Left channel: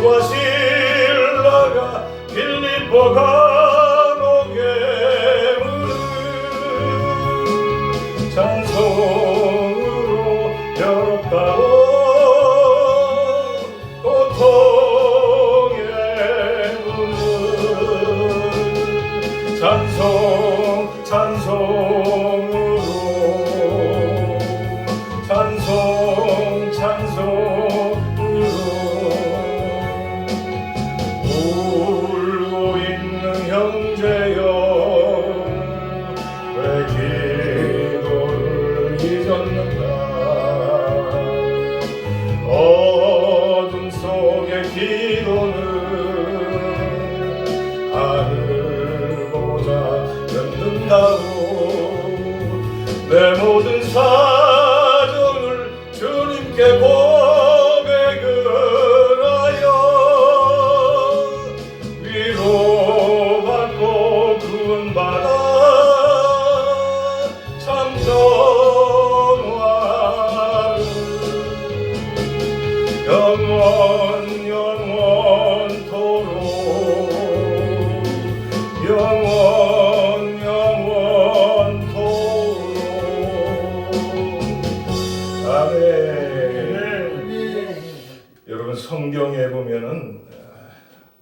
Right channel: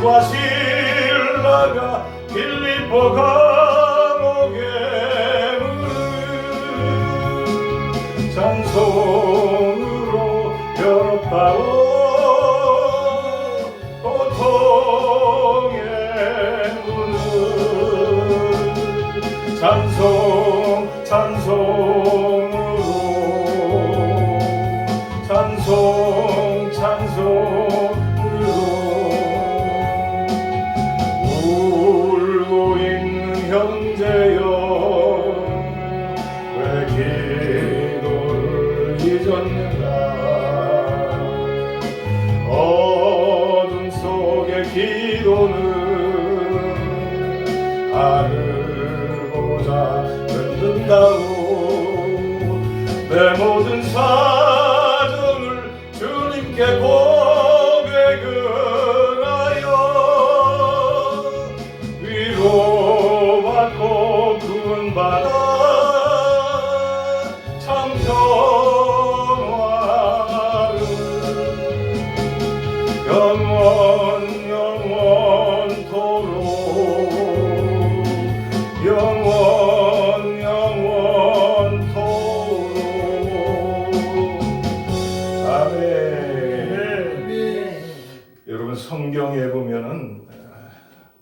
바울과 실라가 빌립보 감옥에 문을 찬송으로 열었다오. 고통의 문을 찬송으로 울고 있는 형제여, 왜 기도를 잊었는가. 어둠 속의 기도는 하늘 보자 듣는다오. 내 모든 사정을 주님께 고백을 하여 위로받고 구원받아 참 평화를 영원토록 아멘. 여러분, 성경에 보면은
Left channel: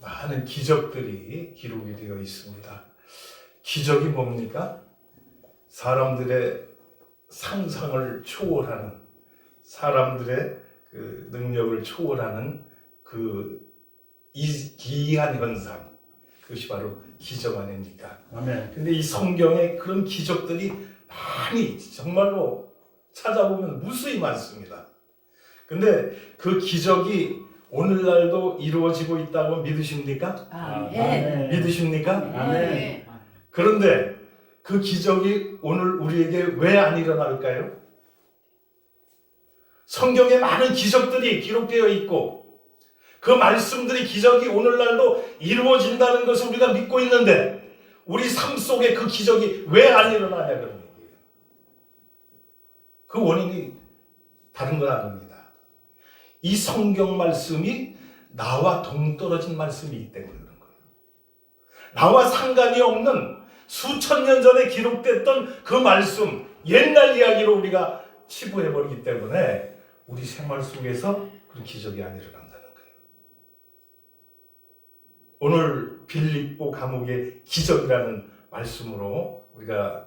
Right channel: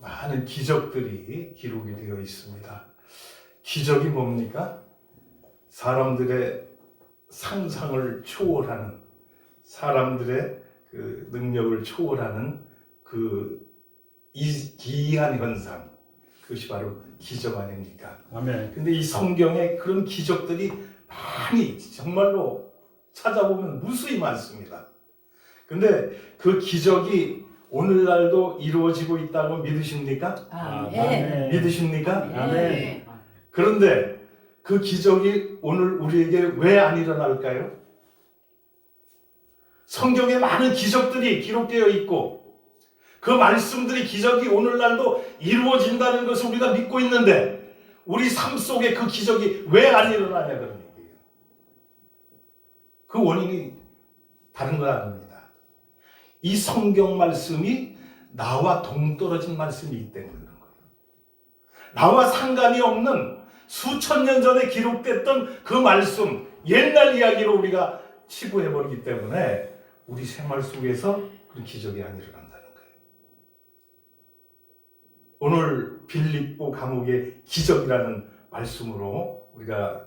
많은 기적들이 기록이 되어 있습니다. 기적이 뭡니까? 사람들의 상상을 초월하는, 사람들의 그 능력을 초월하는 그 기이한 현상, 그것이 바로 기적 아닙니까? 아멘. 근데 이 성경에 그런 기적들이 많이 정말로 찾아보면 무수히 많습니다. 근데 그 기적이 오늘날도 이루어지고 있다고 믿으십니까? 아멘. 믿으십니까? 아멘. 그런데 그 기적이 오늘 우리에게 왜 안 일어날까요? 성경에 많은 기적들이 기록되어 있고 그 말씀들이, 기적이 오늘날도 이루어진다는 것을 우리가 믿고 있는데 우리 삶 속에 그 기적이 왜 안 일어나냐, 그런 얘기예요. 그 원인이 다른 건 아닙니다. 이 성경 말씀이 나와 동떨어진 말씀이기 때문에 그런 거예요. 나와 상관이 없는 수천 년 전에 기록됐던 그 말씀, 옛날 이야기로 우리가 치부해버리기 때문에 우리 생활 속에서 그런 기적이 안 일어난다는 거예요. 오늘 빌립보 감옥의 기적이라는 말씀으로 우리가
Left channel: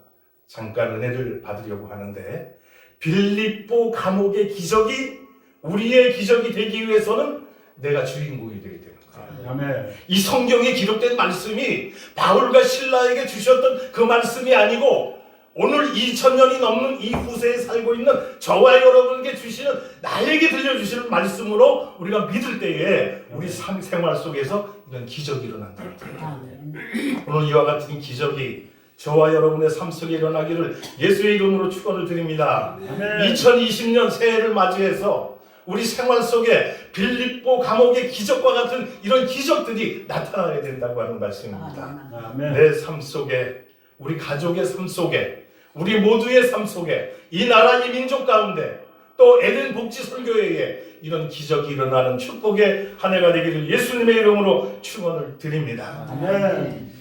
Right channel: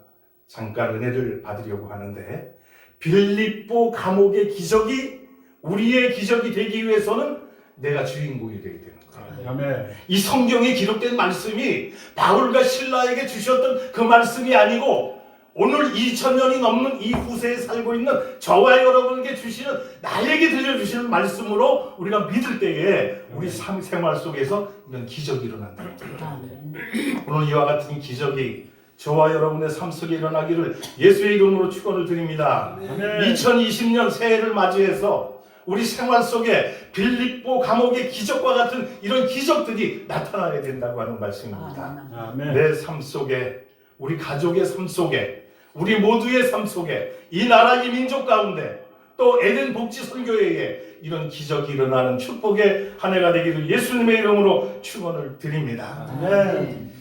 잠깐 은혜를 받으려고 하는데, 빌립보 감옥의 기적이 우리의 기적이 되기 위해서는 내가 주인공이 되어야 되는 거예요. 아멘. 이 성경에 기록된 말씀이 바울과 실라에게 주셨던 그 말씀이 아니고 오늘 2000년이 넘는 이 후세에 살고 있는 저와 여러분에게 주시는, 나에게 들려주시는 말씀으로 우리가 믿을 때에 우리 삶 생활 속에서 이런 기적이 일어난다는 거예요. 오늘 이와 같은 기적이 저와 여러분의 삶 속에 일어나기를 예수의 이름으로 축원을 드립니다. 2020년 새해를 맞이해서 우리 생활 속에 빌립보 감옥의 기적과 같은 이런 기적들이 나타나야 된다고 하는 말씀입니다. 아멘. 내 삶 속에, 우리 가족의 삶 속에, 우리 모두의 삶 속에, 이 나라, 이 민족 가운데, 또 에덴 복지 선교회에 이런 기적이 일어나는 축복의 한 해가 되기를 예수님의 이름으로 축원을 드립니다. 아멘.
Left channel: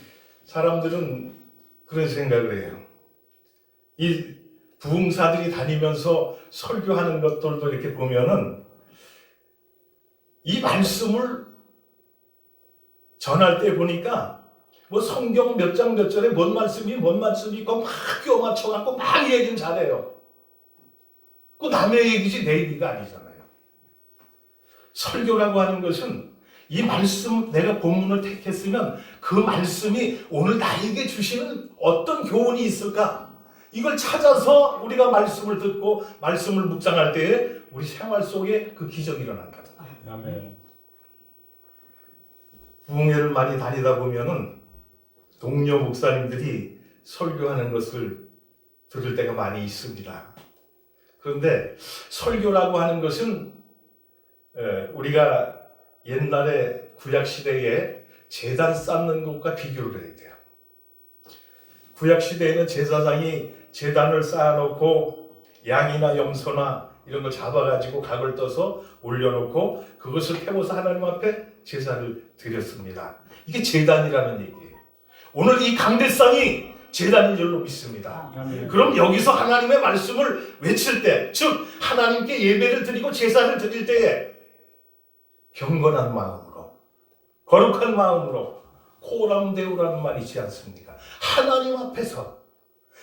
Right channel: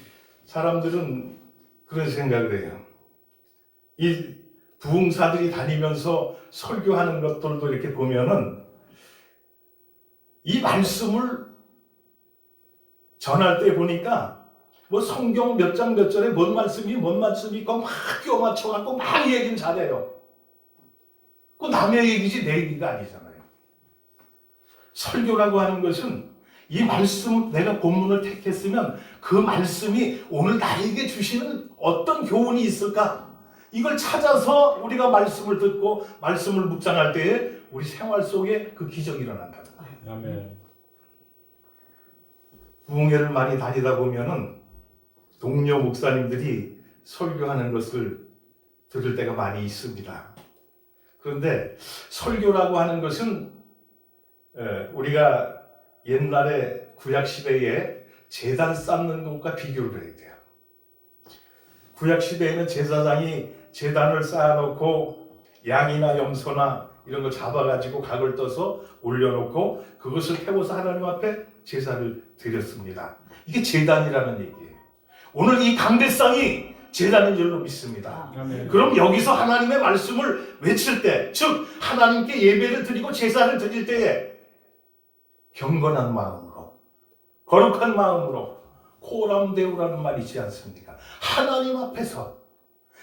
사람들은 그런 생각을 해요. 이 부흥사들이 다니면서 설교하는 것들도 이렇게 보면은 이 말씀을 전할 때 보니까 뭐 성경 몇 장 몇 절에 뭔 말씀이 있고 막 끼워 맞춰갖고 막 얘기는 잘해요. 그 남의 얘기지 내 얘기가 아니잖아요. 설교라고 하는 것은 이 말씀, 내가 본문을 택했으면 그 말씀이 오늘 나에게 주시는 어떤 교훈이 있을까? 이걸 찾아서 우리가 말씀을 듣고 말씀을 묵상할 때에 우리 생활 속에 그 기적이 일어난다는 거예요. 아멘. 부흥회를 많이 다니다 보면은 동료 목사님들이 설교하는 것을 들을 때가 많이 있습니다. 그런데 설교라고 하는 것은 우리가 옛날에 구약시대에 제단 쌓는 것과 비교를 해야 돼요. 구약시대에는 제사장이 제단을 쌓아놓고 양이나 염소나 이런 걸 잡아가지고 각을 떠서 올려놓고 그것을 태워서 하나님 앞에 제사를 드렸습니다. 이게 제단이라는 얘기예요. 오늘 이 강대상이 제단인 줄로 믿습니다. 그럼 여기서 하나님의 말씀을 외칠 때, 즉 하나님께 예배를 드리고 제사를 드릴 때에 경건한 마음으로, 거룩한 마음으로 코람데우라는 말이 있지 않습니까? 하나님 앞에서,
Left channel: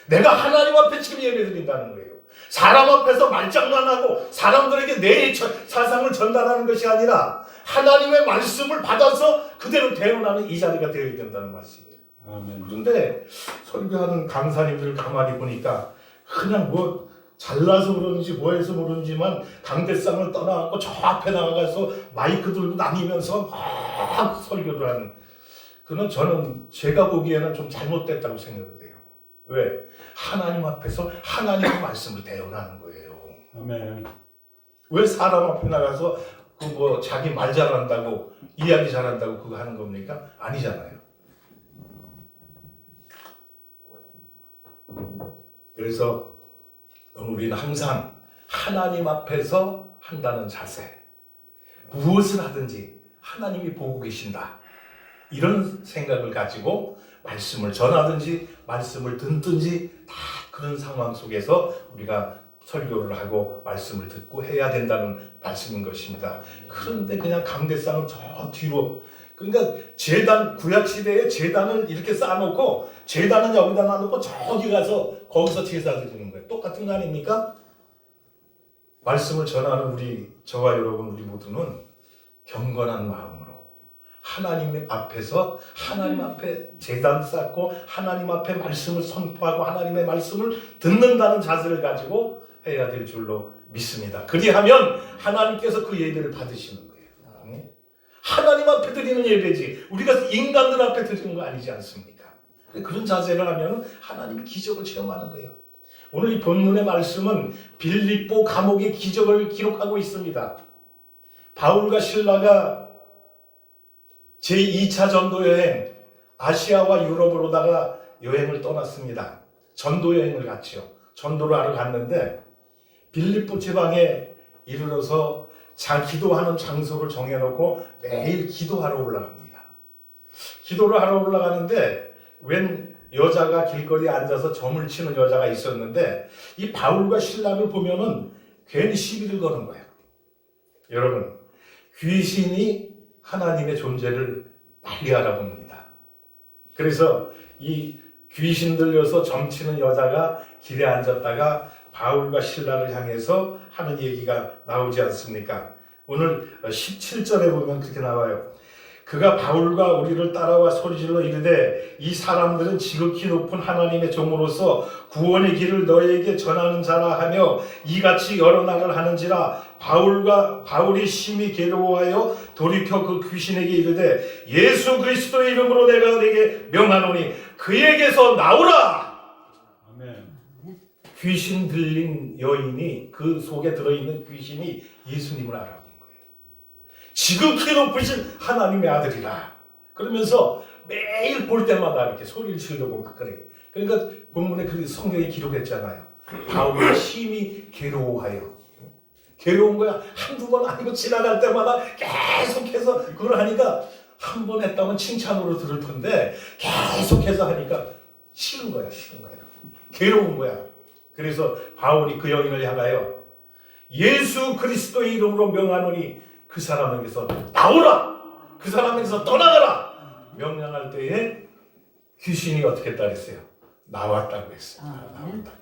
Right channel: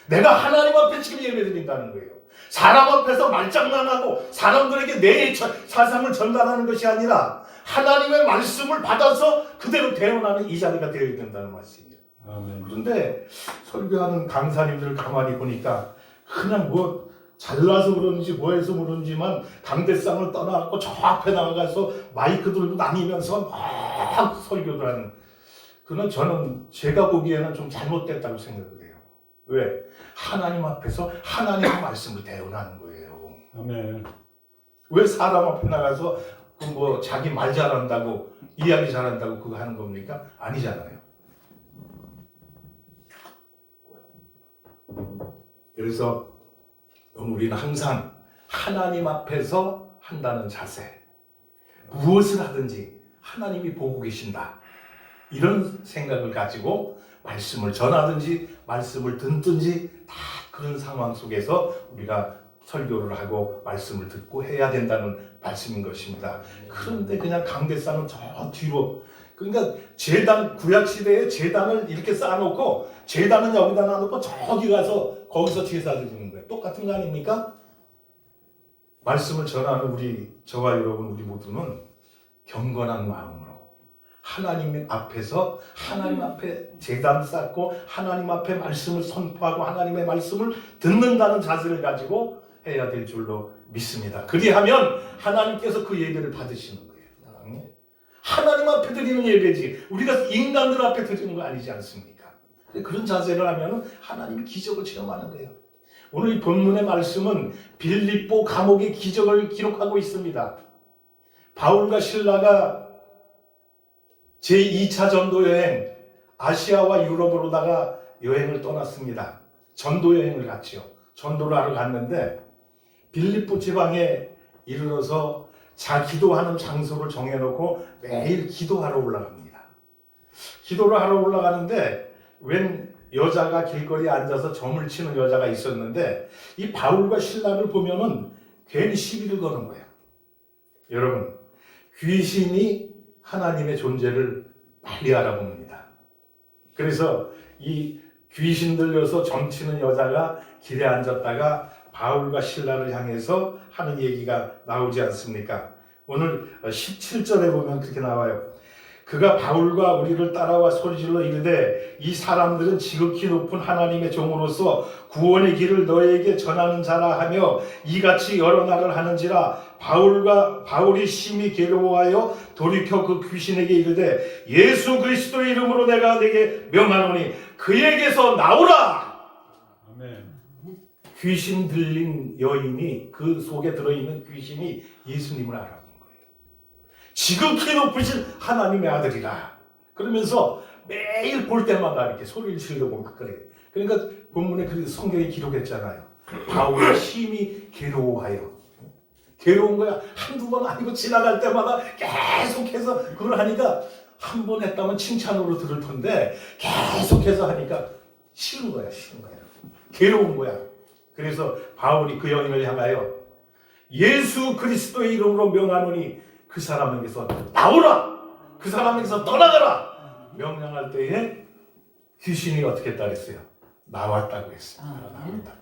내가 하나님 앞에 지금 예배 드린다는 거예요. 사람 앞에서 말장난하고 사람들에게 내 사상을 전달하는 것이 아니라 하나님의 말씀을 받아서 그대로 대응하는 이 자리가 되어야 된다는 말씀이에요. 아멘. 그런데 설교하는 강사님들 가만히 보니까 그냥 뭐 잘나서 그러는지 뭐해서 그러는지만 강대상을 떠나고 저 앞에 나가서 마이크 들고 다니면서 막 설교를 하는, 그는 저는 제가 보기에는 좀 잘못됐다고 생각을 해요. 왜? 하나님 앞에서 하나님의 말씀을 대언하는 거예요. 아멘. 왜 사람 앞에 나가서 그 뭐 자기 말 잘한다고, 이야기 잘한다고 그거 하는 겁니까? 아니잖아요. 그래서 우리는 항상 하나님 앞에서 한다는 자세, 무엇을 하든지 하나님이 보고 계신다, 이런 생각을 가지고 말씀을 전하든지 말씀을 듣든지 다 그런 상황 속에서 우리가 설교를 하고 말씀을 듣고 해야 된다는 말씀인 것입니다. 그런데 그냥 강대상을 저 뒤로, 그러니까 제단, 구약시대에 제단을 이렇게 쌓아놓고 제단은 여기다 놔놓고 저기 가서 거기서 제사 드리는 거예요. 똑같은 거 아닙니까? 말씀을 전하는 저와 여러분, 우리 모두는 경건한 마음으로 하나님 앞에서, 하나님 앞에 제단 쌓고 하나님 앞에 말씀을 선포하고 하나님의 말씀을 듣는다는 자세를 가지고 해야 될 줄로 믿습니다. 그리하면 하나님께서 그 예배를 받으시는 거예요. 하나님 앞에 드리는 예배지 우리가 인간들 앞에 드리는 거 아니지 않습니까? 그런 자세를 하면 하나님이 기적을 체험하는 거예요. 오늘 이 본문의 말씀은 빌립보 감옥의 기적을 기록하고 있습니다. 바울과 실라가 제2차 전도 여행, 아시아와 유럽으로다가 여행을 떠났습니다. 전도 여행을 갔죠. 전도를 하러 갔는데 빌립보 지방에 이르러서 기도하는 장소를 정해놓고 매일 기도하러 올라갑니다. 기도를 하러 올라가는데 웬 여자가 길거리에 앉아서 점을 치는 여자가 있었는데 이 바울과 실라를 보면은 괜히 시비를 거는 거예요. 여러분, 귀신이 하나님의 존재를 빨리 알아봅니다. 그래서 이 귀신 들려서 점치는 여자가 길에 앉았다가 바울과 실라를 향해서 하는 얘기가 나오지 않습니까? 오늘 17절에 보면 그렇게 나와요. 그가 바울과 우리를 따라와 소리질러 이르되 이 사람들은 지극히 높은 하나님의 종으로서 구원의 길을 너에게 전하는 자라 하며 이같이 여러 날을 하는지라. 바울이 심히 괴로워하여 돌이켜 그 귀신에게 이르되 예수 그리스도의 이름으로 내가 네게 명하노니 그에게서 나오라. 아멘. 귀신 들린 여인이, 그 속에 들어있는 귀신이 예수님을 알아본 거예요. 지극히 높으신 하나님의 아들이라. 그러면서 매일 볼 때마다 이렇게 소리를 지르고 막 그래요. 그러니까 본문에 그 성경에 기록했잖아요. 바울이 심히 괴로워하여. 괴로운 거야. 한두 번 아니고 지나갈 때마다 계속해서 그걸 하니까 한 번 했다면 칭찬으로 들을 텐데 계속해서 하니까 싫은 거야. 괴로운 거야. 그래서 바울이 그 여인을 향하여 예수 그리스도의 이름으로 명하노니 그 사람에게서 나오라, 그 사람에게서 떠나가라 명령할 때에 귀신이 어떻게 했다 그랬어요? 나왔다고 했어요. 나왔다.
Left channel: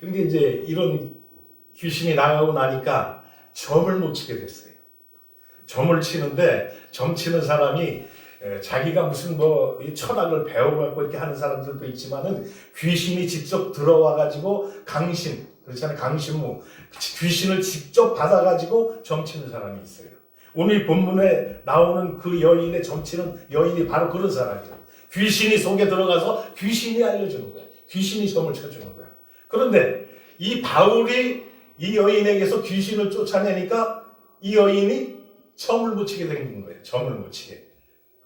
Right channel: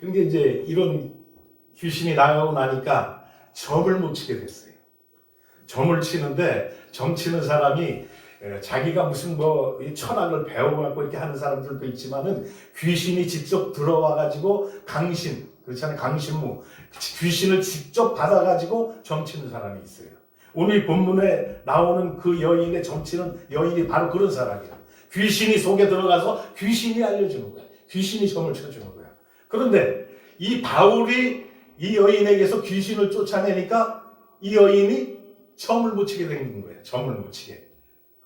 그런데 이제 이런 귀신이 나가고 나니까 점을 못 치게 됐어요. 점을 치는데 점 치는 사람이 자기가 무슨 뭐 철학을 배워갖고 이렇게 하는 사람들도 있지만은 귀신이 직접 들어와가지고 강신, 그렇잖아요. 강신무. 귀신을 직접 받아가지고 점치는 사람이 있어요. 오늘 이 본문에 나오는 그 여인의 점치는 여인이 바로 그런 사람이에요. 귀신이 속에 들어가서 귀신이 알려주는 거야. 귀신이 점을 쳐주는 거야. 그런데 이 바울이 이 여인에게서 귀신을 쫓아내니까 이 여인이 점을 못 치게 된 거예요. 점을 못 치게.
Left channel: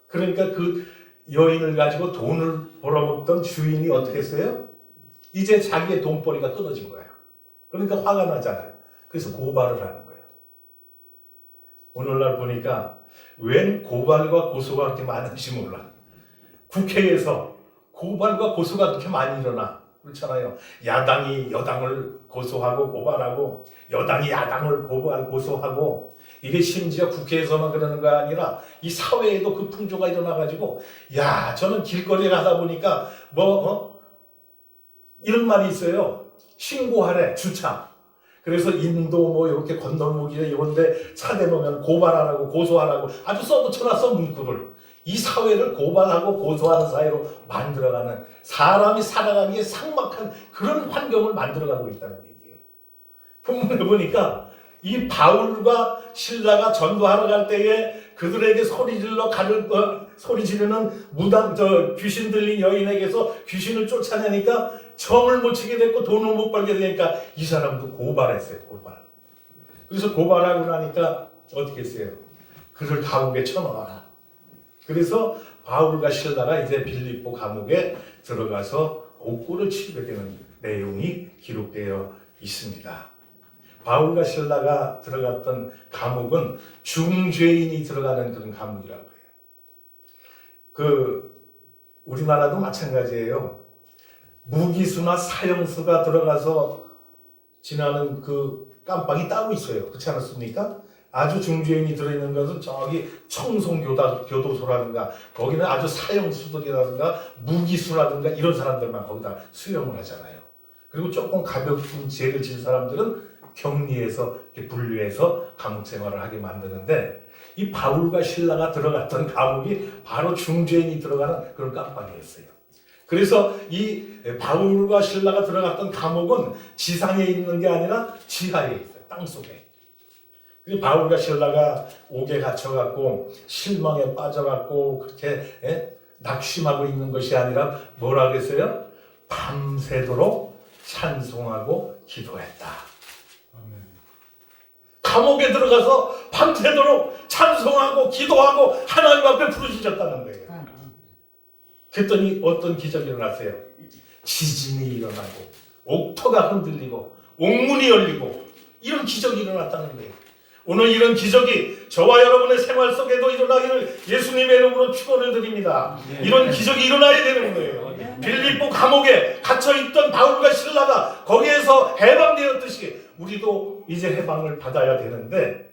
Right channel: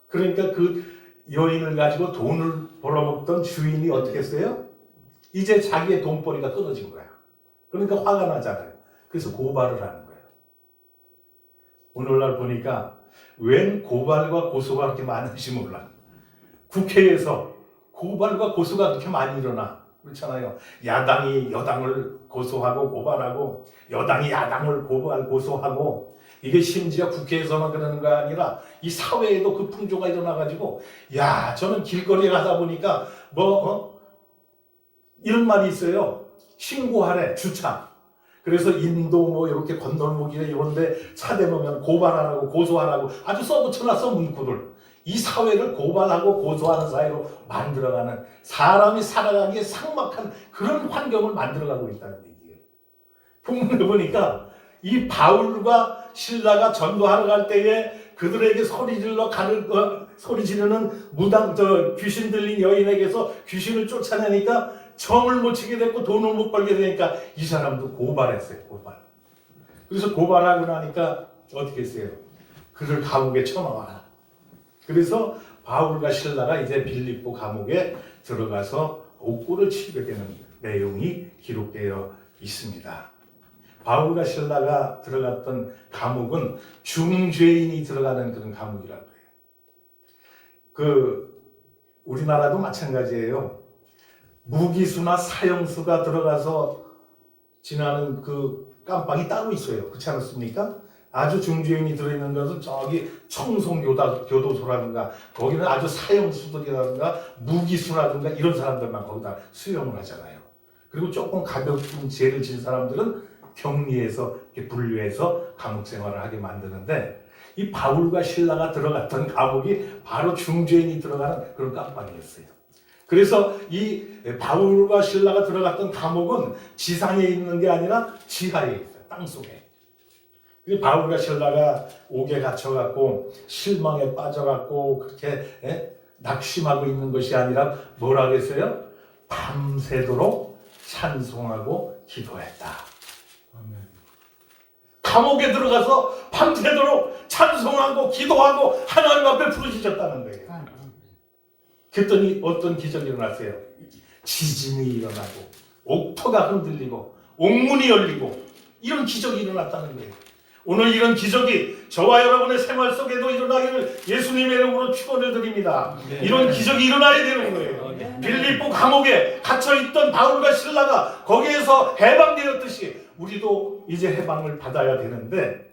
그러니까 그 여인을 가지고 돈을 벌어먹던 주인이 어떻게 했어요? 이제 자기의 돈벌이가 끊어진 거야. 그러니까 화가 나잖아요. 그래서 고발을 하는 거예요. 오늘날 보니까 웬 고발과 고소가 그렇게 많은지 몰라. 국회에서 고발과 고소가 그렇게 많이 일어나. 그렇잖아요. 야당이 여당을 고소하고 고발하고, 여당이 야당을 고소하고, 이게 심지어 국회에서만 그러는 거 아니라 이 사회에도 그 풍조가 일어나가지고, 야, 저는 길거리에 가다 보니까 이런 말이 있어요. 신고하래, 주차. 그래서 인도 뭐 이렇게 건널목이나 이런데 차 대보면 고발하라고 고소하라고 아주 써붙여놨어, 문구를. 이 사회를 고발하고 고소하는 사회로 만들어가는, 사람이 살아가기에 삭막한 그런 환경을 만들어가고 있다는 얘기예요. 본문에 보니까 이 바울과 실라가 전도하러 갈 때에 그들에게 소리 지르는 귀신 들린 여인에게서 귀신을 쫓아내니까 정을 못 치게 됐고 돈을 못 벌게 되니까 이 사람도 고발했어요. 고발. 그래서 고발하고 나니까 어떻게 했어요? 그를 감옥에 쳐넣어라. 그래서 바울과 실라가 이제 빌립보 감옥에 들어가서 옥고를 치게 되는 내용이 기록되어 있습니다. 바울과 실라가 들어갔던 감옥은 중죄인이 들어가는 그런 감옥이라고 해요. 우리나라도 마찬가지예요. 무기수나 사형수가 들어가서 지나는 그 깜빵이 따로 있어요. 그렇지 않습니까? 아주 중죄인이 들어있는 것은 저기 청송교도소라든가 거기는 아주 사형수들이라든가 무기수라든가 이런 사람들만 거기다 수용을 하잖아요. 그리고 조금 가볍은 죄를 진 사람들은 격리해서 이렇게 분류해서 감옥 생활을 하게 만드는데, 이 바울과 실라가 들어갔던 감옥이 바로 중죄인이 들어가는 그런 깜빵이었어요. 그래서 이 바울과 실라가 들어갔던 감옥은 지상에 있는 게 아니라 지하에 있어요. 땅속에. 바울과 실라가 옥에 갇혀갖고 실망에 빠져갖고 그렇게 낙심하고 있는 것이 아니라 뭐라 그랬어요? 밤새도록 찬송하고 기도했다. 감옥에 들어가서 밤새도록 찬송하고 기도하고 하나님 앞에 부르짖었다는 거예요. 그랬더니 어떤 기적이 일어났어요? 지진이 일어나고 옥토가 흔들리고 옥문이 열리고 이런 기적이 일어났다는 거예요. 오늘 이런 기적이 저와 여러분의 생활 속에도 일어나기를 예수님의 이름으로 축원을 드립니다. 이런 기적이 일어나야 되는 거예요. 빌립보 감옥에 갇혀있던 바울과 실라가 거기에서 해방되었듯이 우리도 이제 해방을 받아야 되는데,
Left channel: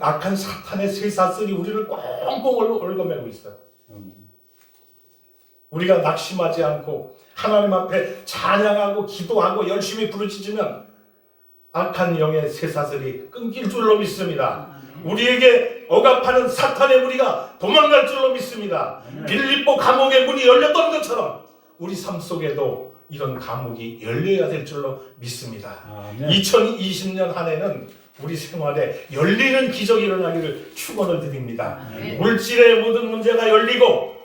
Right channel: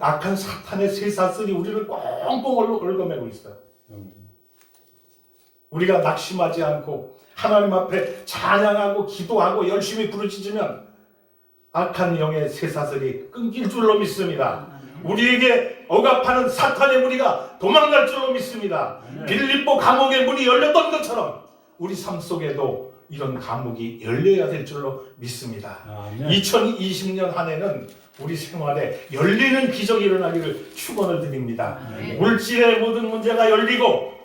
악한 사탄의 쇠사슬이 우리를 꽁꽁 얽어매고 있어요. 우리가 낙심하지 않고 하나님 앞에 찬양하고 기도하고 열심히 부르짖으면 악한 영의 쇠사슬이 끊길 줄로 믿습니다. 우리에게 억압하는 사탄의 무리가 도망갈 줄로 믿습니다. 빌립보 감옥의 문이 열렸던 것처럼 우리 삶 속에도 이런 감옥이 열려야 될 줄로 믿습니다. 2020년 한 해는 우리 생활에 열리는 기적이 일어나기를 축원을 드립니다. 물질의 모든 문제가 열리고,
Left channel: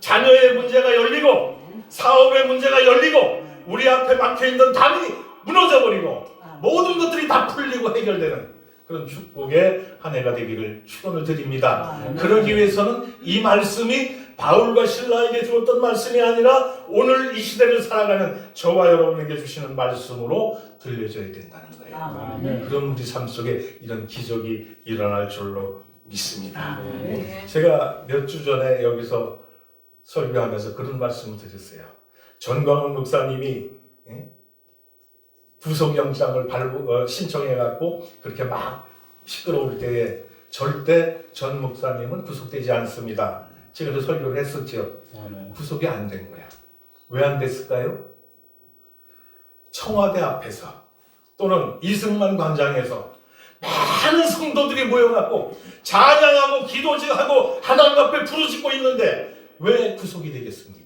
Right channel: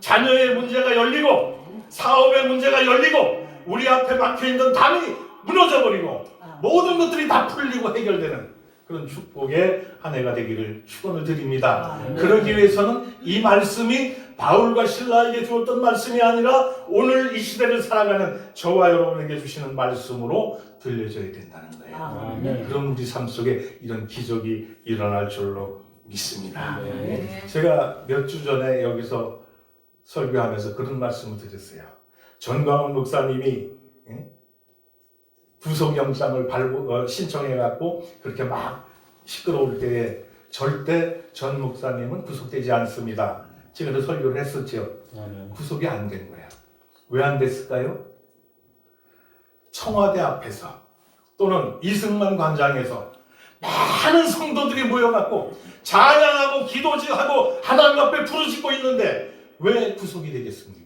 자녀의 문제가 열리고, 사업의 문제가 열리고, 우리 앞에 막혀있는 담이 무너져버리고, 모든 것들이 다 풀리고 해결되는 그런 축복의 한 해가 되기를 축원을 드립니다. 그러기 위해서는 이 말씀이 바울과 실라에게 주었던 말씀이 아니라 오늘 이 시대를 살아가는 저와 여러분에게 주시는 말씀으로 들려져야 된다는 거예요. 그럼 우리 삶 속에 이런 기적이 일어날 줄로 믿습니다. 제가 몇 주 전에 여기서 설교하면서 그런 말씀을 드렸어요. 전광훈 목사님이 구속영장을 신청해갖고 그렇게 막 시끄러울 때에 절대 전 목사님은 구속되지 않습니다. 제가 설교를 했었죠. 구속이 안 된 거야. 왜 안 됐을까요? 청와대 앞에서 또는 이승만 광장에서 많은 성도들이 모여갖고 찬양하고 기도하고 하나님 앞에 부르짖고 있는데 왜 구속이 되겠습니까?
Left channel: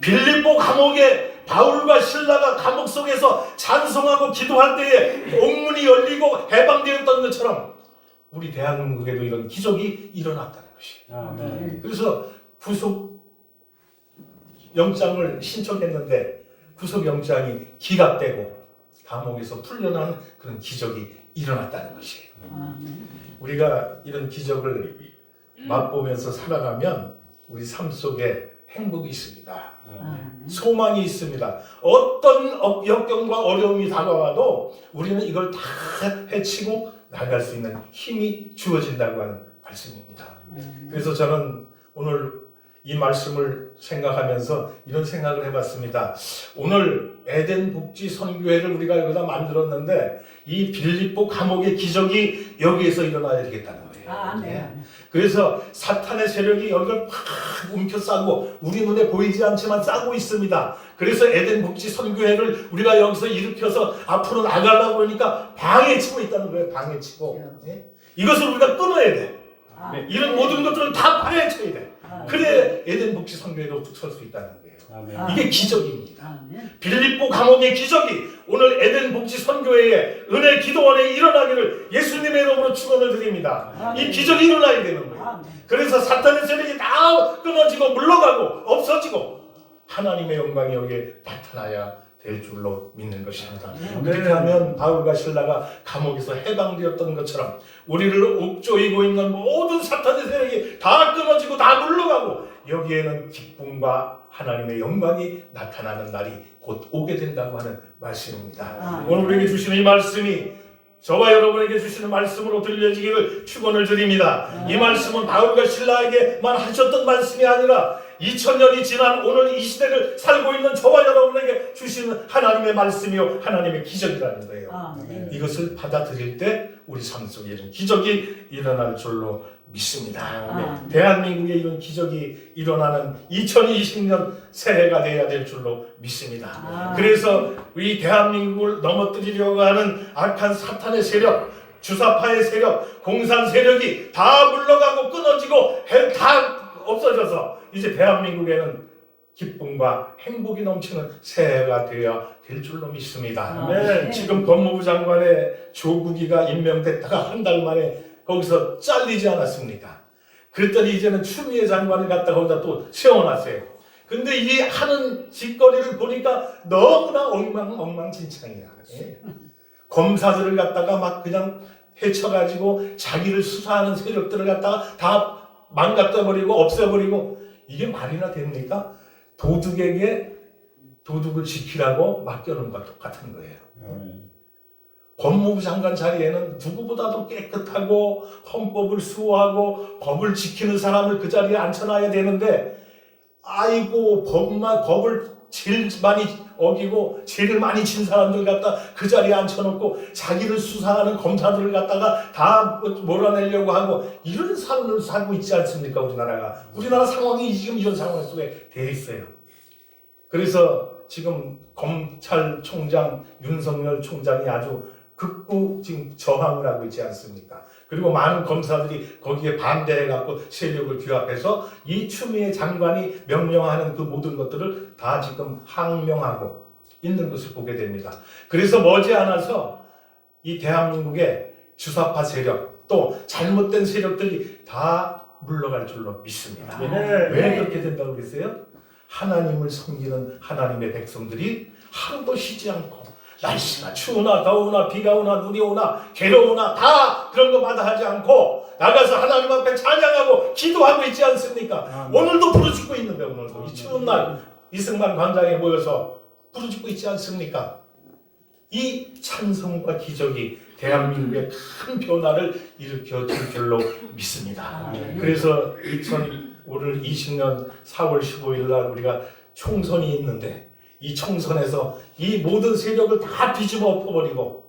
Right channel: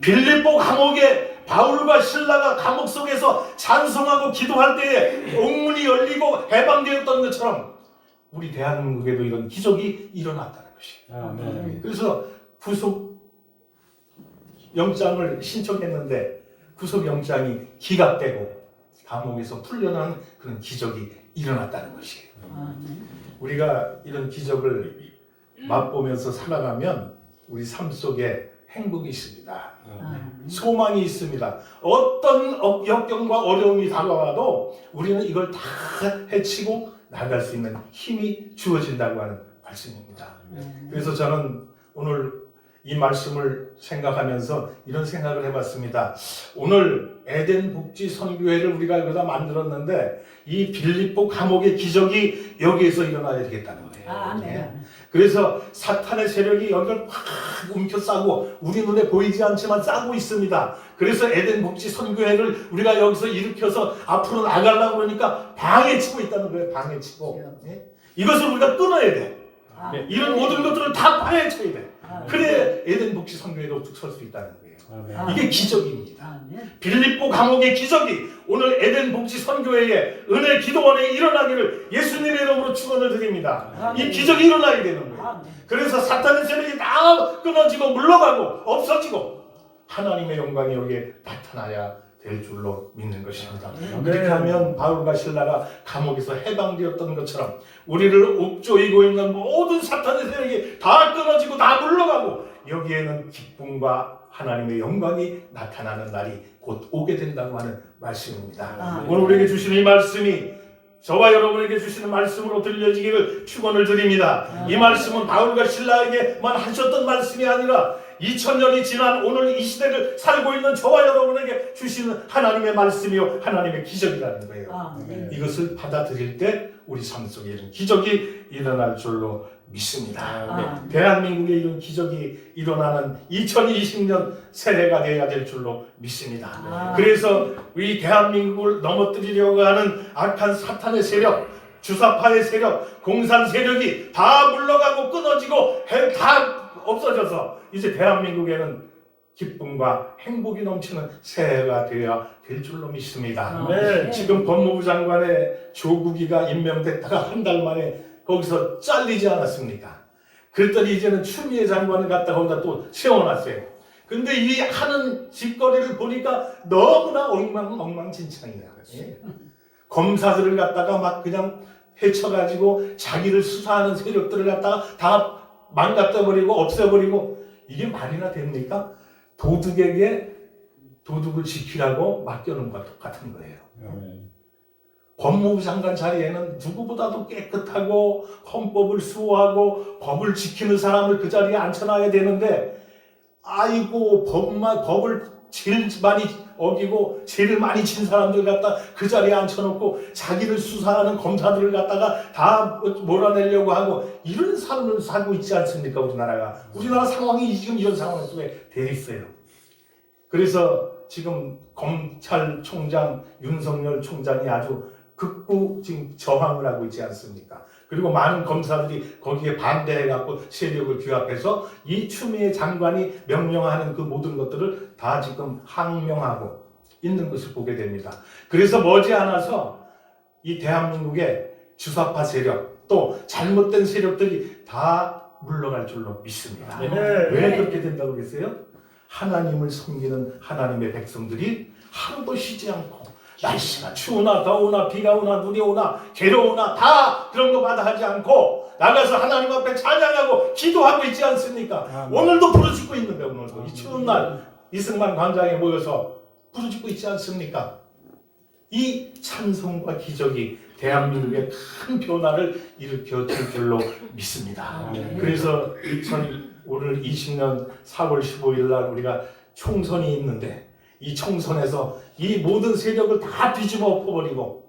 빌립보 감옥에 바울과 실라가 감옥 속에서 찬송하고 기도할 때에 옥문이 열리고 해방되었던 것처럼 우리 대한민국에도 이런 기적이 일어났다는 것이에요. 그래서 구속 영장을 신청했는데 구속 영장이 기각되고 감옥에서 풀려나는 그런 기적이 일어났다는 것이에요. 우리가 이런 기적을 맛보면서 살아가면 우리 삶 속에 행복이 있습니다. 소망이 있습니다. 어떤 역경과 어려움이 다가와도 우리는 이걸 다 헤치고 나갈 수 있는 힘이 주어진다고 하는 말씀입니다. 그래서 저는 오늘 이 말씀을 생각하면서 이런 생각을 해봤습니다. 오늘 에덴 복지 선교회를 우리가 여기다 만들었는데 이 빌립보 감옥의 기적이 여기에서 일어나야 되겠다는 거예요. 그래서 사탄의 세력이 여기를 팍 움켜싸고 우리 눈에 보이지 않지만 싸고 있습니다. 그래서 에덴 복지 선교회를 우리가 여기서 일으켜서 앞으로 나가려고 그러니까 방해치고 있다는 거예요. 방해치고. 이것을 우리가 끊어야 돼. 이런 모든 것들을 다 파헤쳐야 돼. 그래 에덴 복지 선교회가 우뚝 설 수 있다는 거예요. 이게 기적입니다. 빌립보 감옥의 기적이 오늘 에덴 복지 선교회의 은혜 기도원에 일어나기를 예수님의 이름으로 축원을 드립니다. 이 기적이 일어나야 되는 거예요. 그래서 사탄의 세력이 다 끊어지고 물러가고 없어지고 하나님의 영광이 여기에 나타나야 될 줄로 믿는 것입니다. 그렇게 하면 바울과 실라가 감옥에서 해방되었던 것처럼 우리를 옥조이고 있는 모든 사탄의 세력이 다 끊어지고 다 물러가고 여기에는 기쁨과 하나님의 영광이 나타나는 날이 곧 오게 된다고 하는 말씀입니다. 오늘 우리에게 주시는 이 말씀이 저와 여러분에게 주시는 말씀으로 들려지기를 축원을 드립니다. 이 말씀은 바울과 실라에게만 하셨던 말씀이 아니라 2000년이 지난 오늘 이 시대를 살고 있는 저와 여러분에게 주시는 하나님의 말씀이요 하나님의 기적이라는 거예요. 이것을 받아들일 때 우리 삶 속에 이런 기적이 일어날 줄로 믿습니다. 대한민국에 이런 기적이 일어나는 2020년 새해가 되어야 될 줄로 믿습니다. 그래서 이 대한민국을 넘어뜨리려고 하는 악한 사탄의 세력, 주사파의 세력, 공산 세력이 다 물러가고 끊어지고 다 없어져서 이제 대한민국에는 기쁨과 행복이 넘치는 새해가 되어야 될 줄로 믿습니다. 지금 법무부 장관의 조국이가 임명됐다가 한 달 만에 거기서 잘리지 않았습니까? 그랬더니 이제는 추미애 장관을 갖다가 거기다 또 세워놨어요. 근데 이 하는 짓거리를 보니까 너무나 엉망진창이야. 검사들을 갖다가 막 그냥 해쳐가지고 자기를 수사하는 세력들을 갖다가 다 망가뜨려버리고 없애버리고 이게 말이나 됩니까? 도둑에게 도둑을 지키라고 맡겨놓은 것과 똑같은 거예요. 법무부 장관 자리에는 누구보다도 깨끗하고 헌법을 수호하고 법을 지키는 사람을 그 자리에 앉혀놔야 되는데 아이고 법을 제일 많이 어기고 제일 많이 친 사람들 갖다 그 자리에 앉혀놓고 자기를 수사하는 검사들을 갖다가 다 몰아내려고 하고 이런 삶을 살고 있지 않습니까? 우리나라 상황이 지금 이런 상황 속에 돼 있어요. 그래서 지금 검찰총장 윤석열 총장이 아주 극구 지금 저항을 하고 있지 않습니까? 그리고 많은 검사들이 거기에 반대해갖고 세력을 규합해서 이 추미애 장관이 명령하는 그 모든 것들을 다 지금 항명하고 있는 것을 보게 됩니다. 그래서 머지않아서 이 대한민국의 주사파 세력 또 잘못된 세력들이 다 물러갈 줄로 믿습니다. 왜 그렇게 된다고 그랬어요? 하나님을 섬기는 하나님의 백성들이 하루도 쉬지 않고 날씨가 추우나 더우나 비가 오나 눈이 오나 괴로우나 다 그런 거마다 하지 않고 나가서 하나님 앞에 찬양하고 기도하고 있지 않습니까? 오늘도 부르짖고 있는데 오늘도 이 추운 날 이승만 광장에 모여서 부르짖고 있지 않습니까? 이 찬송과 기적이 대한민국의 큰 변화를 일으켜 줄 줄로 믿습니다. 그래서 오늘 20년 4월 15일 날 우리가 총선이 있는데 이 총선에서 이 모든 세력을 다 뒤집어 엎어버리고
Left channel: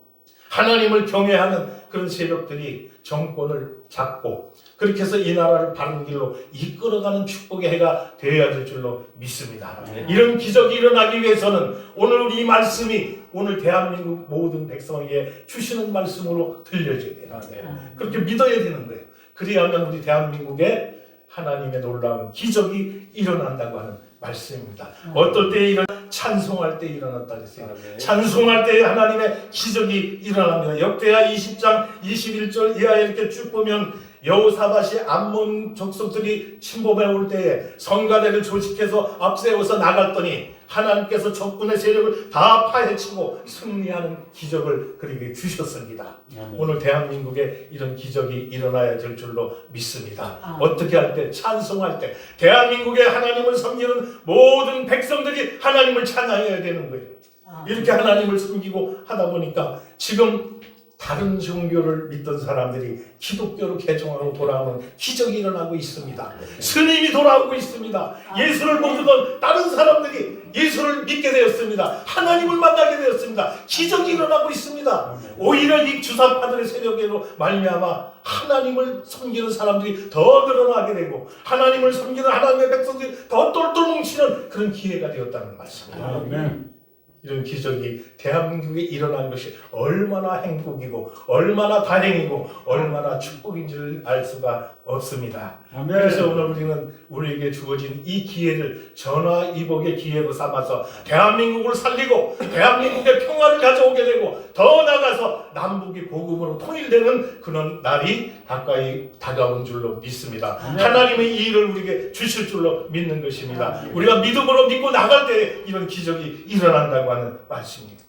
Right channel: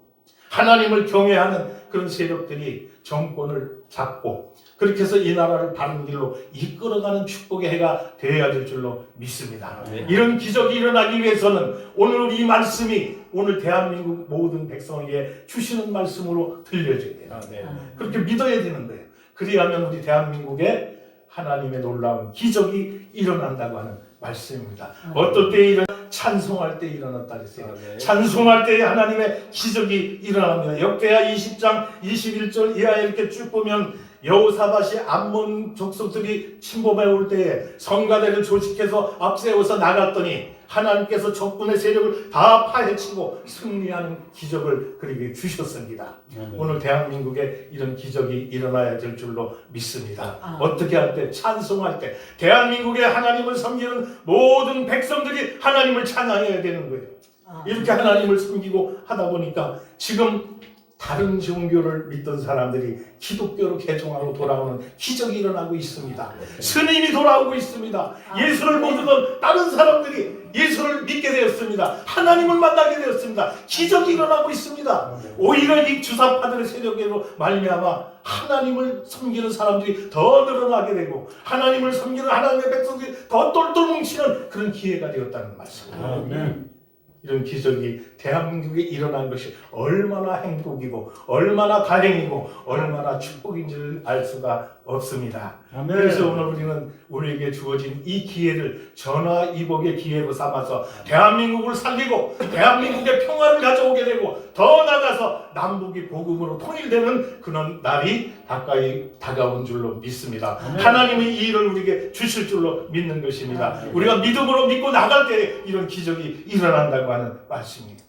하나님을 경외하는 그런 세력들이 정권을 잡고 그렇게 해서 이 나라를 바른 길로 이끌어가는 축복의 해가 되어야 될 줄로 믿습니다. 이런 기적이 일어나기 위해서는 오늘 우리 이 말씀이 오늘 대한민국 모든 백성에게 주시는 말씀으로 들려져야 돼요. 그렇게 믿어야 되는 거예요. 그리하면 우리 대한민국에 하나님의 놀라운 기적이 일어난다고 하는 말씀입니다. 어떨 때 찬송할 때 일어났다 그랬어요. 찬송할 때 하나님의 기적이 일어납니다. 역대하 20장 21절 이하에 이렇게 쭉 보면 여호사밧이 암몬 족속들이 침범해 올 때에 성가대를 조직해서 앞세워서 나갔더니 하나님께서 적군의 세력을 다 파헤치고 승리하는 기적을 그에게 주셨습니다. 오늘 대한민국에 이런 기적이 일어나야 될 줄로 믿습니다. 어떻게 할 때? 찬송할 때 대한민국의 하나님을 섬기는 모든 백성들이 하나님을 찬양해야 되는 거예요. 이렇게 하나님을 섬기고 하다 보니까 지금 다른 종교를 믿던 사람들이 기독교로 개종하고 돌아오는 기적이 일어나고 있습니다. 스님이 돌아오고 있습니다. 예수를 모르던 다른 사람들이 예수를 믿게 되었습니다. 하나님을 만나게 되었습니다. 기적이 일어나고 있습니다. 오히려 이 주사파들의 세력으로 말미암아 하나님을 섬기는 사람들이 더 늘어나게 되고 하나님을 섬기는 하나님의 백성들이 더 똘똘 뭉치는 그런 기회가 되었다는 말씀입니다. 이런 기적이 대한민국에 일어난 것이 얼마나 행복이고 얼마나 다행이고 얼마나 축복인 줄 알 수가 없습니다. 그래서 오늘 우리는 우리에게 주어진 이 기회를 전화위복의 기회로 삼아서 대한민국을 살리고 대한민국의 평화를 가져오게 되고 더 나아가서 남북이 복음으로 통일되는 그런 날이 가까이 다가온 줄로 믿습니다. 하나님의 이 일을 우리에게 주실 줄로 믿는 것입니다. 우리가 믿음으로 믿고 나갈 때 이런 기적이 일어난다고 하는 말씀입니다.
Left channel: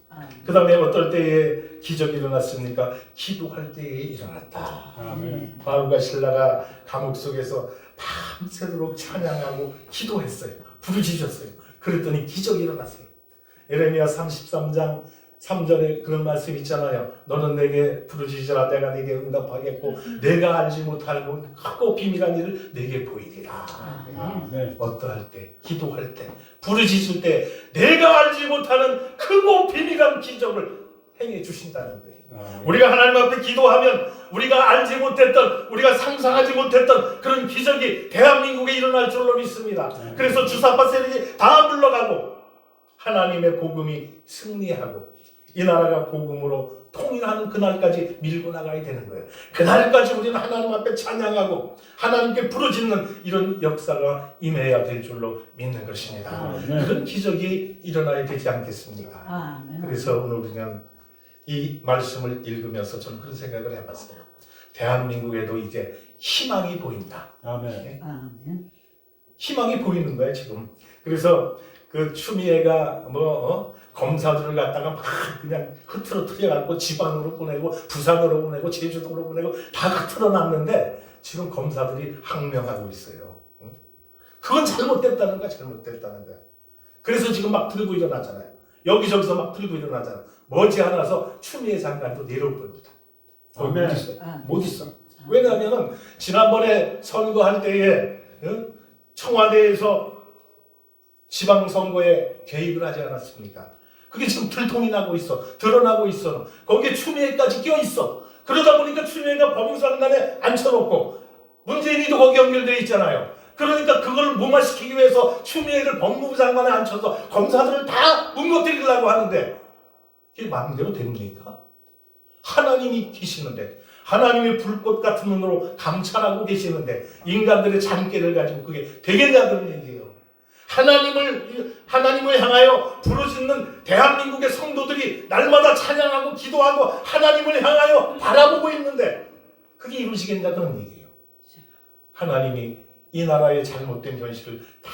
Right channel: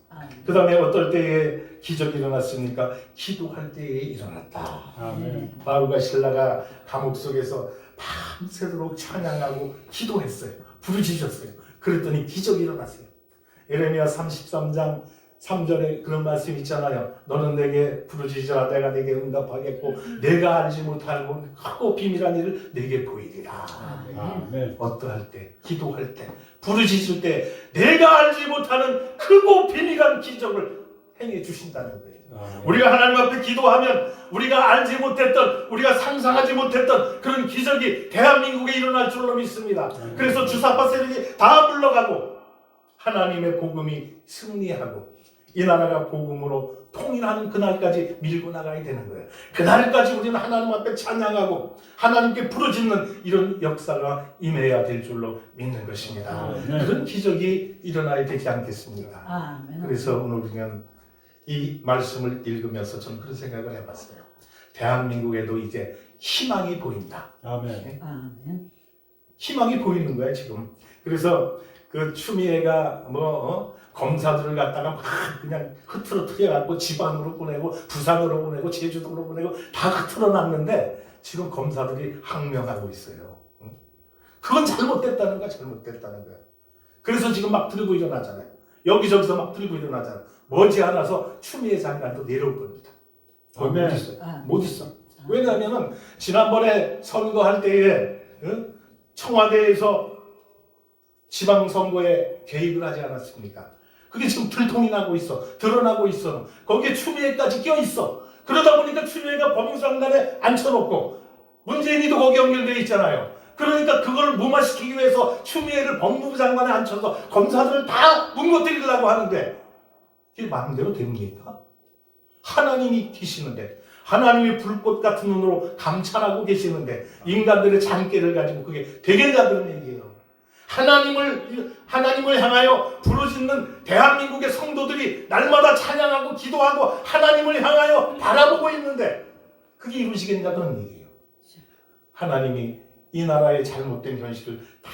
그 다음에 어떨 때에 기적이 일어났습니까? 기도할 때에 일어났다. 바울과 실라가 감옥 속에서 밤새도록 찬양하고 기도했어요. 부르짖었어요. 그랬더니 기적이 일어났어요. 에레미야 33장 3절에 그런 말씀 있잖아요. 너는 내게 부르짖으라 내가 내게 응답하겠고 내가 알지 못할 크고 비밀한 일을 내게 보이리라. 어떠할 때, 기도할 때, 부르짖을 때 내가 알지 못하는 크고 비밀한 기적을 행해 주신다는 거예요. 우리가 하나님 앞에 기도하면 우리가 알지 못했던, 우리가 상상하지 못했던 그런 기적이 대한민국에 일어날 줄로 믿습니다. 그래서 주사파 세력이 다 물러가고 하나님의 복음이 승리하고 이 나라가 복음으로 통일하는 그날까지 밀고 나가야 되는 거예요. 그날까지 우리는 하나님 앞에 찬양하고 하나님께 부르짖는 이런 역사가 임해야 될 줄로 믿는 것입니다. 그런 기적이 일어나야 되지 않겠습니까? 그래서 오늘 우리는 이 말씀을 읽으면서 저는 그런 생각을 해봤어요. 대한민국에도 이제 희망이 보인다. 희망이 보이는 거예요 지금. 그래서 그 추미애가 검사들을 갖다가 막 그냥 흐트러뜨려갖고 지방으로 보내고 부산으로 보내고 제주도로 보내고 다 흐트러놨는데 지금 검사들이 항명하고 있어요. 그건 잘못됐다는 거야. 잘못됐다는 거야. 그래서 지금 막 들고 일어나잖아요. 여기저기서 막 들고 일어나잖아요. 머지않아서 추미애 장관도 내려올 겁니다. 못 있어. 못 있어. 왜냐하면 지난번에 선거할 때에 청와대에서 지방선거에 개입을 하지 않았습니까? 그게 지금 들통이 나고 있어. 드러나고 있어. 거기에 추미애까지 껴있어. 그러다 보니까 추미애가 법무장관에 앉혀놓고 문재인이도 거기 연결되어 있잖아요. 그러니까 그걸 무마시키기 위해서 추미애를 법무부 장관에 앉혀서 검사들을 다 뭉거뜨리려고 하는데 이게 마음대로 됩니까? 하나님이 계시는데 하나님의 불꽃 같은 눈으로 감찰하고 계시는데 인간들의 잠깨를 가지고 그게 되겠냐 그런 얘기예요. 하나님을 향하여 부르짖는 대한민국의 성도들이 날마다 찬양하고 기도하고 하나님을 향하여 바라보고 있는데 그게 이루어지겠냐 그런 얘기예요. 하나님이 이 나라의 잘못된 현실을 다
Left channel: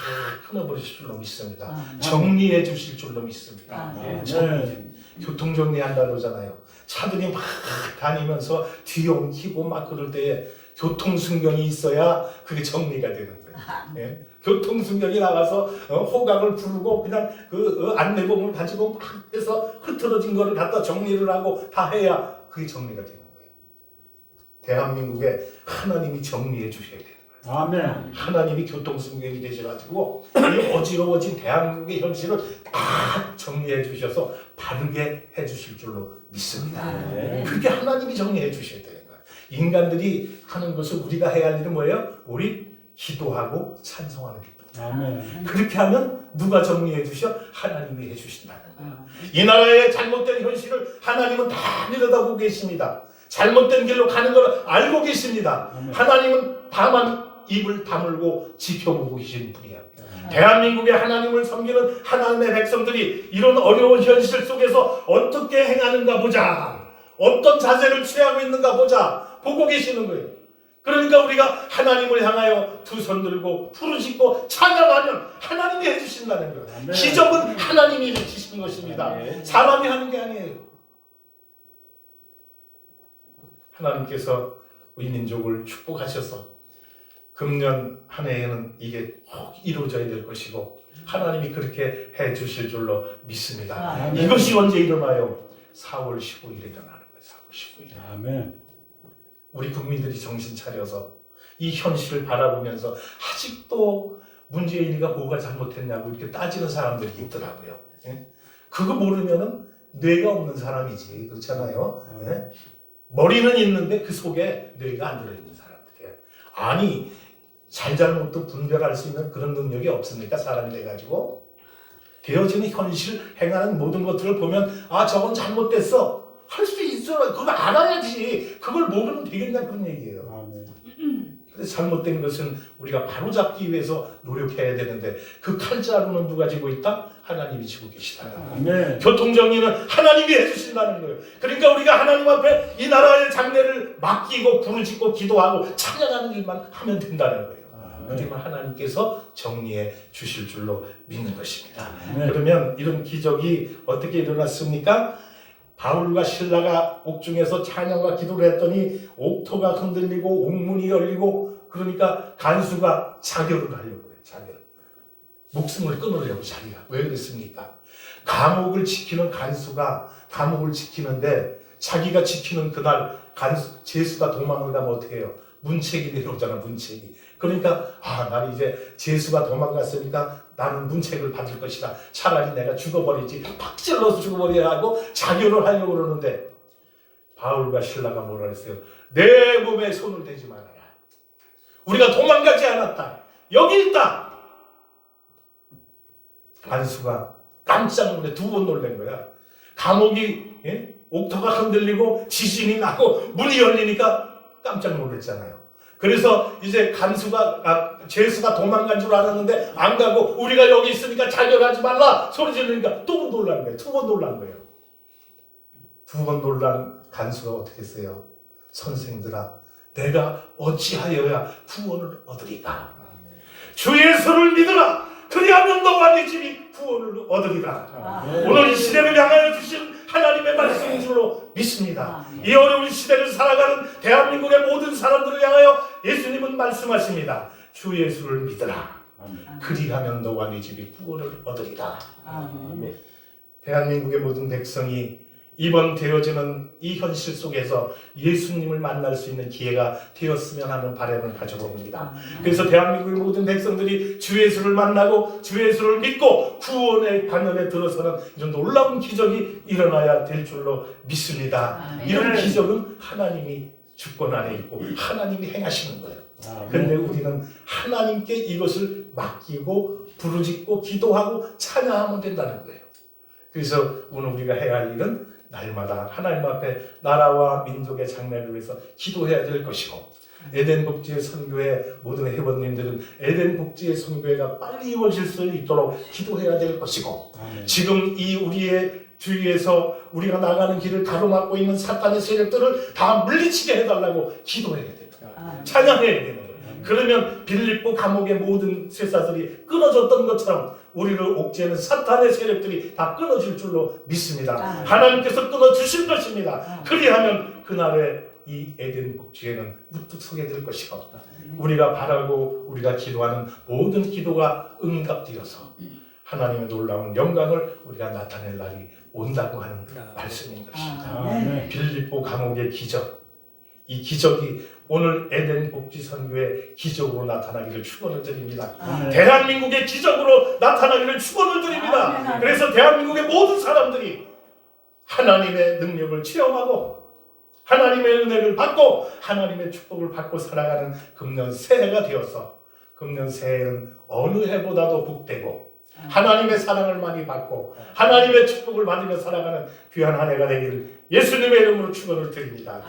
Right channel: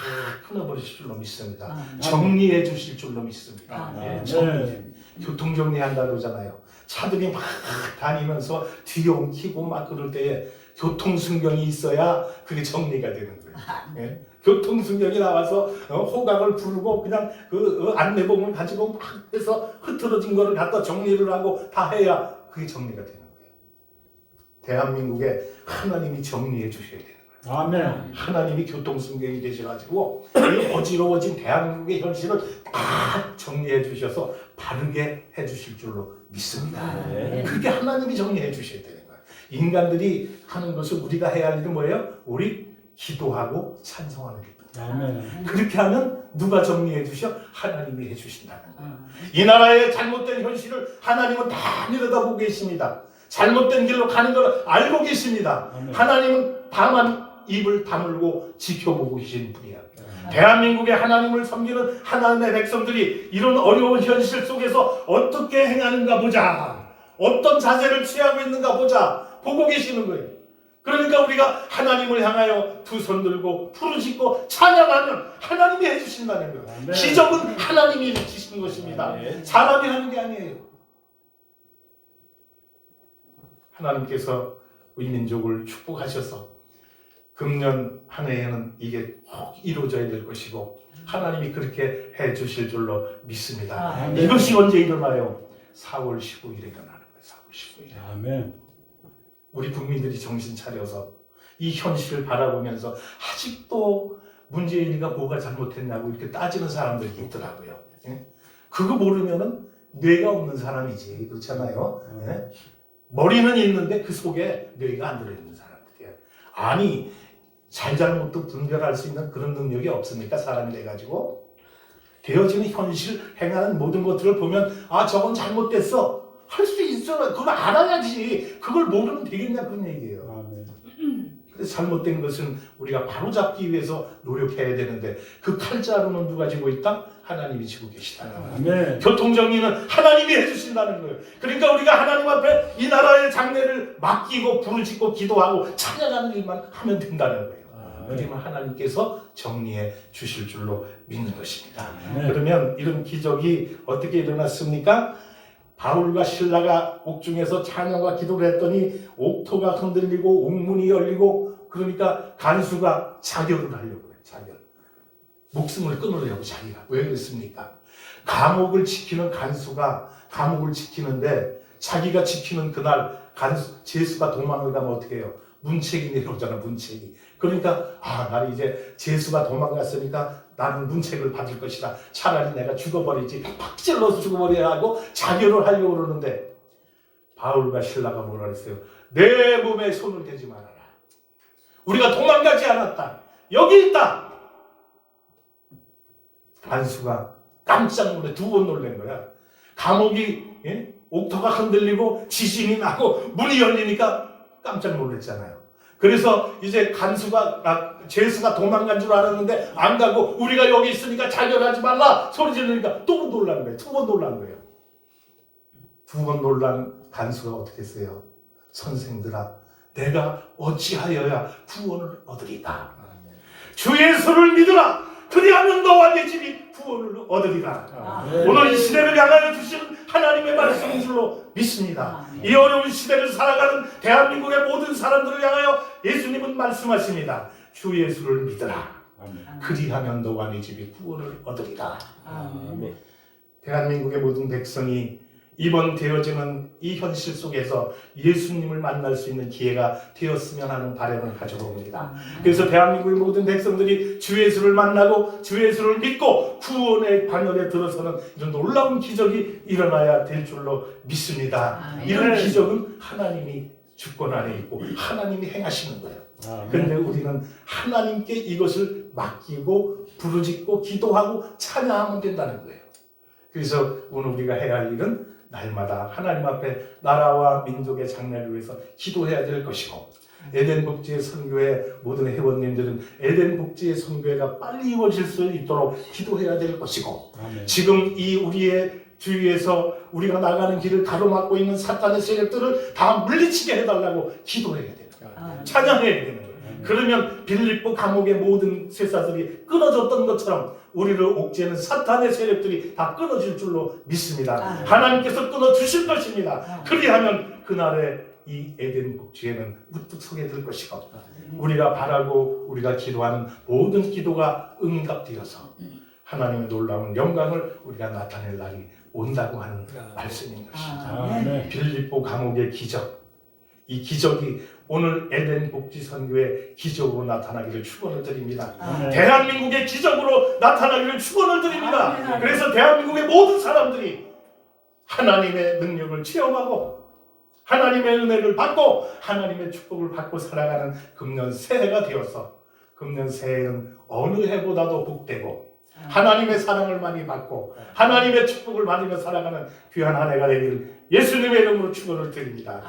끊어버리실 줄로 믿습니다. 정리해 주실 줄로 믿습니다. 교통 정리한다고 그러잖아요. 차들이 막 다니면서 뒤에 옮기고 막 그럴 때에 교통순경이 있어야 그게 정리가 되는 거예요. 교통순경이 나가서 호각을 부르고 그냥 그 안내봉을 가지고 막 해서 흐트러진 거를 갖다 정리를 하고 다 해야 그게 정리가 되는 거예요. 대한민국에 하나님이 정리해 주셔야 되는 거예요. 아멘. 하나님이 교통순경이 되셔가지고 이 어지러워진 대한민국의 현실을 다 정리해 주셔서 바르게 해 주실 줄로 믿습니다. 그렇게 하나님이 정리해 주셔야 되는 거예요. 인간들이 하는 것을 우리가 해야 할 일은 뭐예요? 우리 기도하고 찬송하는 것. 그렇게 하면 누가 정리해 주셔? 하나님이 해 주신다는 거예요. 이 나라의 잘못된 현실을 하나님은 다 내려다보고 계십니다. 잘못된 길로 가는 걸 알고 계십니다. 하나님은 다만 입을 다물고 지켜보고 계신 분이야. 대한민국의 하나님을 섬기는 하나님의 백성들이 이런 어려운 현실 속에서 어떻게 행하는가 보자. 어떤 자세를 취하고 있는가 보자. 보고 계시는 거예요. 그러니까 우리가 하나님을 향하여 두 손 들고 부르짖고 찬양하면 하나님이 해주신다는 거예요. 네. 기적은 하나님이 해주신 것입니다. 네. 사람이 하는 게 아니에요. 하나님께서 우리 민족을 축복하셔서 금년 한 해에는 이게 꼭 이루어져야 될 것이고 하나님이 그렇게 해주실 줄로 믿습니다. 아멘. 이것이 언제 일어나요? 4월 15일에 일어나는 거예요. 4월 15일에. 아멘. 우리 국민들이 정신 차려서 이 현실을 바라보면서 아직도 문재인이가 뭐가 잘못했냐고 이렇게 따지는 사람들이 있더라고요. 예? 그거 모르면은 뇌가 없는 사람이지. 그렇잖아요. 예? 머리는 있는데 그 속에 뇌가 안 들어있는 사람들이에요. 아니 잘잘못도 분별할 수 있는 그런 능력이 없으니까 사람이 돼가지고 되어지는 현실 행하는 모든 것들을 보면 아 저건 잘못됐어 할 수 있어. 그걸 알아야지. 그걸 모르면 되겠냐 그런 얘기예요. 그래서 잘못된 것은 우리가 바로잡기 위해서 노력해야 되는데 그 칼자루는 누가 쥐고 있다? 하나님이 쥐고 계시다. 아멘. 교통정리는 하나님이 해주신다는 거예요. 그러니까 우리가 하나님 앞에 이 나라의 장래를 맡기고 부르짖고 기도하고 찬양하는 일만 하면 된다는 거예요. 그러면 하나님께서 정리해 주실 줄로 믿는 것입니다. 그러면 이런 기적이 어떻게 일어났습니까? 바울과 실라가 옥중에서 찬양과 기도를 했더니 옥토가 흔들리고 옥문이 열리고 그러니까 간수가 자결을 하려고 해요. 자결. 목숨을 끊으려고 자기가. 왜 그랬습니까? 감옥을 지키는 간수가 감옥을 지키는데 자기가 지키는 그날 제수가 도망을 가면 어떻게 해요? 문책이 내려오잖아. 문책이. 그러니까 나는 이제 제수가 도망갔으니까 나는 문책을 받을 것이다. 차라리 내가 죽어버리지. 팍 찔러서 죽어버려야 하고 자결을 하려고 그러는데 바울과 실라가 뭐라 그랬어요? 내 몸에 손을 대지 말아라. 우리가 도망가지 않았다. 여기 있다. 간수가 깜짝 놀래 두 번 놀란 거야. 감옥이 옥토가 흔들리고 지진이 나고 문이 열리니까 깜짝 놀랐잖아요. 그래서 이제 제수가 도망간 줄 알았는데 안 가고 우리가 여기 있으니까 자결하지 말라 소리 지르니까 또 놀란 거예요. 두 번 놀란 거예요. 두 번 놀란 간수가 어떻게 했어요? 선생들아 내가 어찌하여야 구원을 얻으리까? 주 예수를 믿으라. 그리하면 너와 네 집이 구원을 얻으리라. 오늘 이 시대를 향하여 주신 하나님의 말씀인 줄로 믿습니다. 이 어려운 시대를 살아가는 대한민국의 모든 사람들을 향하여 예수님은 말씀하십니다. 주 예수를 믿으라. 그리하면 너와 네 집이 구원을 얻으리라. 대한민국의 모든 백성이 이번 되어지는 이 현실 속에서 예수님을 만날 수 있는 기회가 되었으면 하는 바람을 가져봅니다. 그래서 대한민국의 모든 백성들이 주 예수를 만나고 주 예수를 믿고 구원의 반열에 들어서는 이런 놀라운 기적이 일어나야 될 줄로 믿습니다. 이런 기적은 하나님이 주권 안에 있고 하나님이 행하시는 거예요. 그런데 우리는 하나님께 이것을 맡기고 부르짖고 기도하고 찬양하면 된다는 거예요. 그래서 오늘 우리가 해야 할 일은 날마다 하나님 앞에 나라와 민족의 장래를 위해서 기도해야 될 것이고 에덴 복지의 선교회 모든 회원님들은 에덴 복지의 선교회가 빨리 이루어질 수 있도록 기도해야 될 것이고 지금 이 우리의 주위에서 우리가 나가는 길을 가로막고 있는 사탄의 세력들을 다 물리치게 해달라고 기도해야 됩니다. 찬양해야 되는 거예요. 그러면 빌립보 감옥의 모든 쇠사슬이 끊어졌던 것처럼 우리를 옥죄는 사탄의 세력들이 다 끊어질 줄로 믿습니다. 하나님께서 끊어주실 것입니다. 그리하면 그날에 이 에덴 복지에는 우뚝 서게 될 것이고 우리가 바라고 우리가 기도하는 모든 기도가 응답되어서 하나님의 놀라운 영광을 우리가 나타낼 날이 온다고 하는 말씀인 것입니다. 빌립보 감옥의 기적, 이 기적이 오늘 에덴 복지 선교의 기적으로 나타나기를 축원을 드립니다. 대한민국의 기적으로 나타나기를 축원을 드립니다. 그래서 대한민국의 모든 사람들이 하나님의 능력을 체험하고 하나님의 은혜를 받고 하나님의 축복을 받고 살아가는 금년 새해가 되어서 금년 새해는 어느 해보다도 복되고 하나님의 사랑을 많이 받고 하나님의 축복을 받으며 살아가는 귀한 한 해가 되기를 예수님의 이름으로 축원을 드립니다.